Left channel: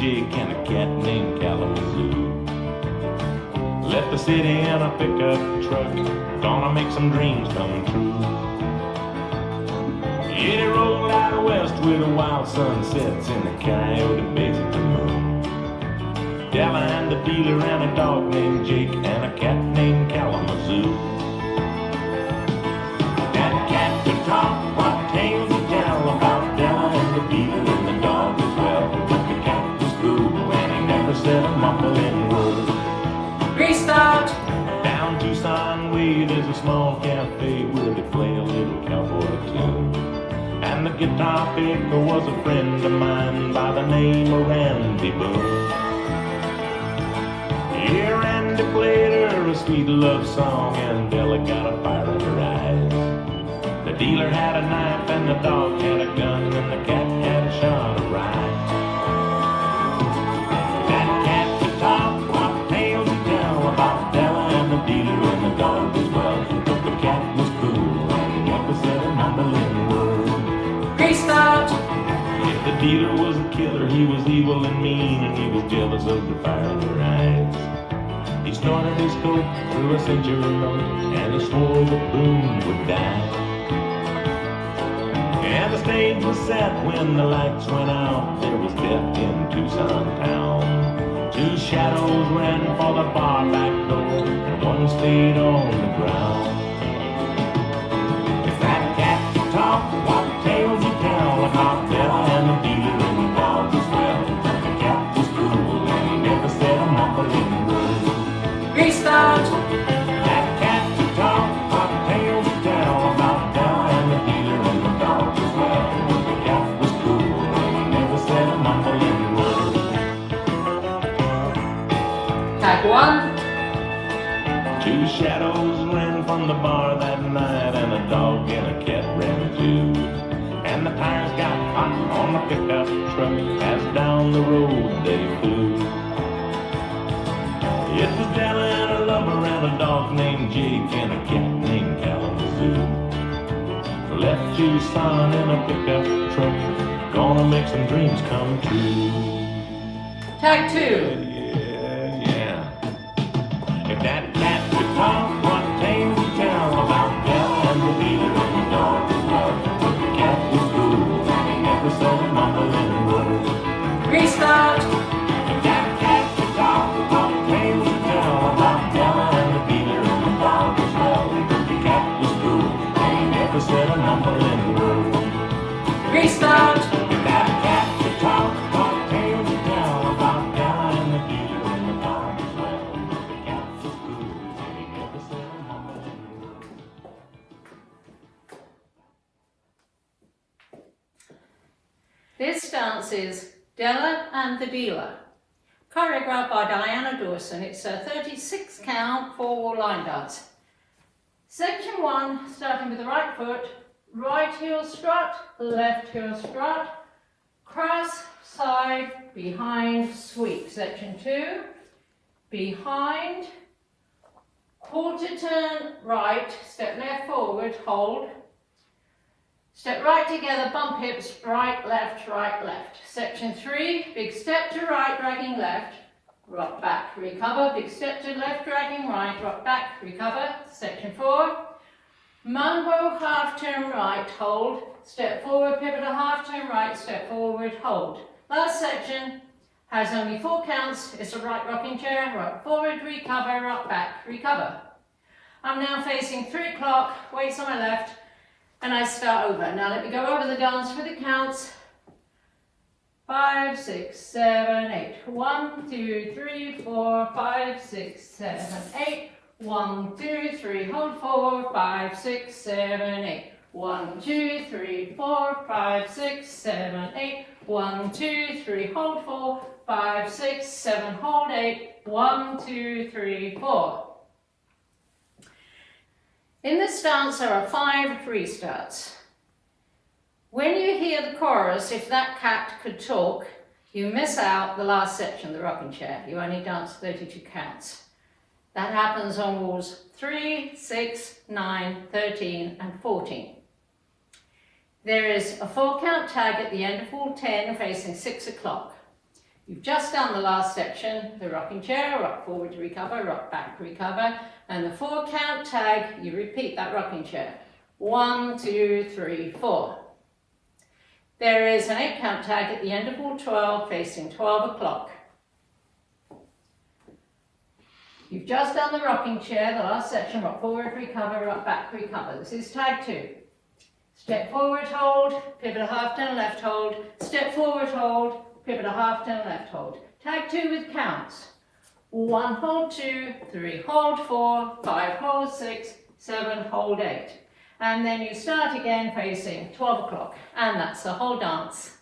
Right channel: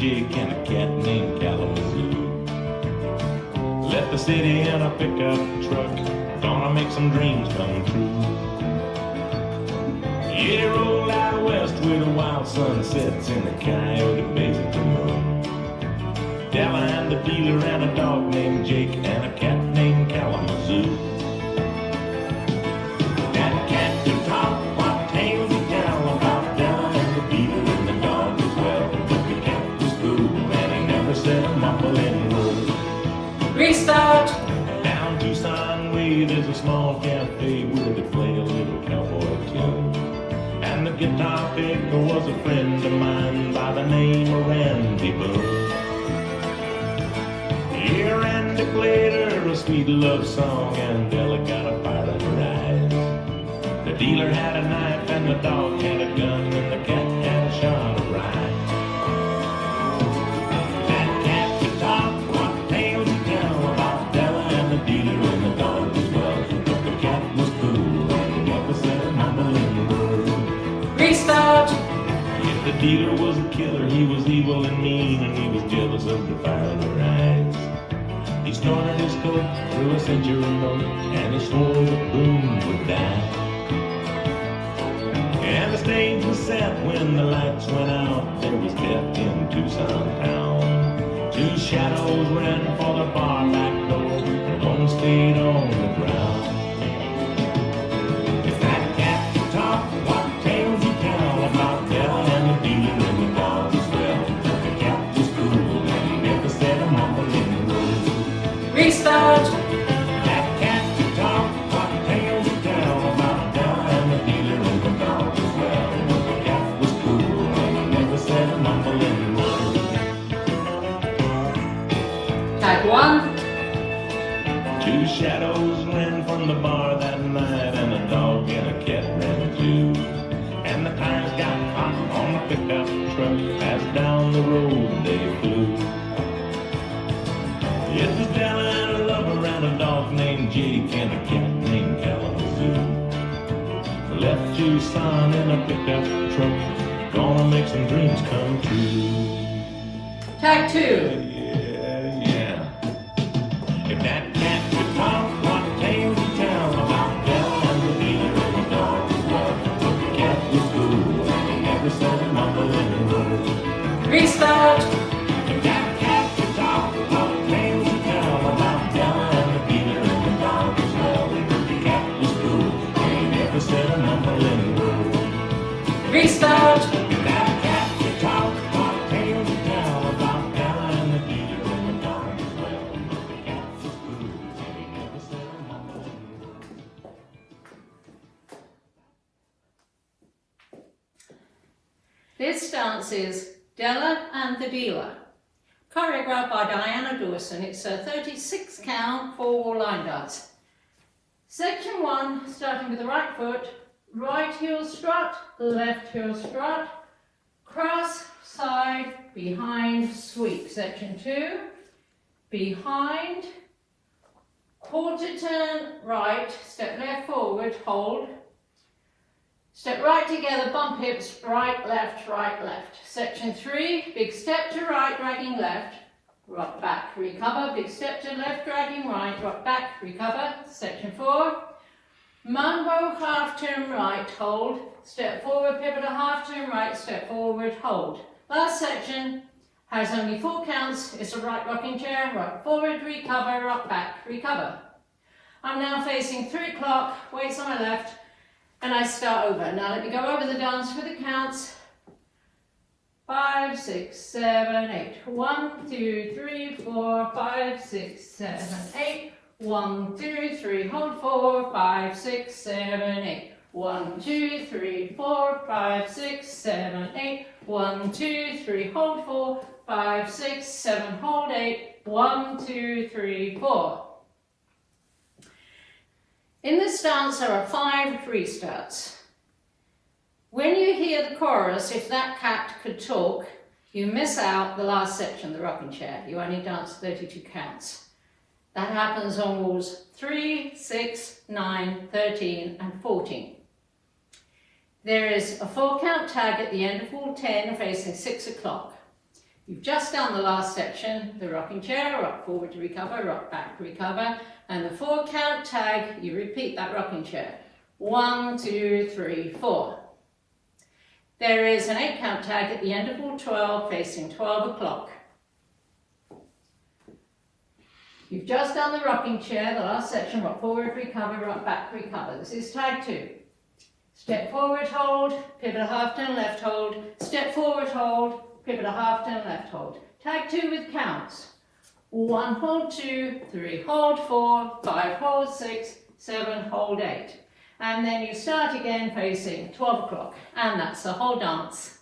Jake and a cat named Kalamazoo. Left the city in a pickup truck, gonna make some dreams come true. Yeah, roll out west with the wild sunsets and the coyote bays at the moon. Della and the dealer and a dog named Jake and a cat named Kalamazoo. That cat could talk, what tales he tell about Della and the dealer and the dog as well. The cat was cool and he never said a mumbling word. Restart! Down Tucson Way there's a small cafe where they play a little cowboy tune. And the guitar picker was a friend of mine by the name of Randy Boone. Yeah, Randy played her a sweet love song and Della got a fire in her eyes. The dealer had a knife and the dog had a gun and the cat had a shot of rye. That cat could talk, what tales he tell about Della and the dealer and the dog as well. But the cat was cool and he never said a mumbling word. Restart! If the dealer was a killer, he was evil and mean and he was jealous of the fire in her eyes. He snorted his coat through a century note and he swore the boom would die. And the stage was set when the lights went out. There was death in Tucson town. Two shadows ran for the bar back door and one stayed on the ground. If that cat could talk, what tales he tell about Della and the dealer and the dog as well. The cat was cool and he never said a mumbling word. Restart! That cat could talk, what tales he tell about Della and the dealer and the dog as well. The cat was cool and he never said a mumbling word. Tag 1. Two shadows ran from the bar that night and a dog and a cat ran too. And the tires got hot on the pickup truck as down the road they flew. It was Della and her lover and a dog named Jake and a cat named Kalamazoo. Left Tucson in a pickup truck, gonna make some dreams come true. Tag 2. Yeah. If that cat could talk, what tales he'd tell about Della and the dealer and the dog as well. But the cat was cool and he never said a mumbling word. Restart! If that cat could talk, what tales he'd tell about Della and the dealer and the dog as well. But the cat was cool and he never said a mumbling word. Restart! If that cat could talk, what tales he'd tell about Della and the dealer and the dog as well. But the cat was cool and he never said a mumbling word. This dance is Della and the Dealer, choreographed by Diana Dawson. It's a 36 count 4-wall line dance. Section 1, starting with the right foot, right heel strut, left heel strut, cross, side, behind, sweep. Section 2, behind, quarter turn right, step left forward, hold. Step right together, bump hips, right, left, right, left. Section 3, big step to right, dragging left, rock back, recover. Big step to left, dragging right, rock back, recover. Section 4, mambo, half turn right, hold. Step forward, pivot a half turn right, step forward, hold. Last section has only 4 counts. It's a right rocking chair, rock forward, recover, rock back, recover. I'm now facing 3 o'clock, weights on my left, and I start over. Now let me go over the dance for the counts. 5, 6, 7, 8. 1, 2, 3, 4, 5, 6, 7, 8. 1, 2, 3, hold 4, 5, 6, 7, 8. 1, 2, 3, 4, 5, 6, 7, 8. 1, 2, 3, hold 4, 5, 6, 7, hold 8. 1, 2, 3, 4. In this dance there are 5 restarts. When you hear the chorus, if that cat could talk, you miss out the last section, the rocking chair. You only dance 32 counts. That happens on walls 3, 6, 9, 13 and 14. There is a 4 count tag at the end of wall 10 facing 6 o'clock. You've just done the last section, the rocking chair, rock forward to recover, rock back, recover, and the 4 count tag, you repeat that rocking chair. 1, 2, 3, 4. There is an 8 count tag at the end of wall 12 facing 12 o'clock. You've just done the rocking chair, the last section, rock forward, recover, rock back, recover. This is tag 2. Step forward, hold, pivot a half turn, left hold, step forward, hold, pivot a half turn, left hold. Tag 2 with counts. 1, hold 2, 3, hold 4, 5, hold 6, 7, hold 8. And then you start again facing 12 o'clock. And that's the whole dance.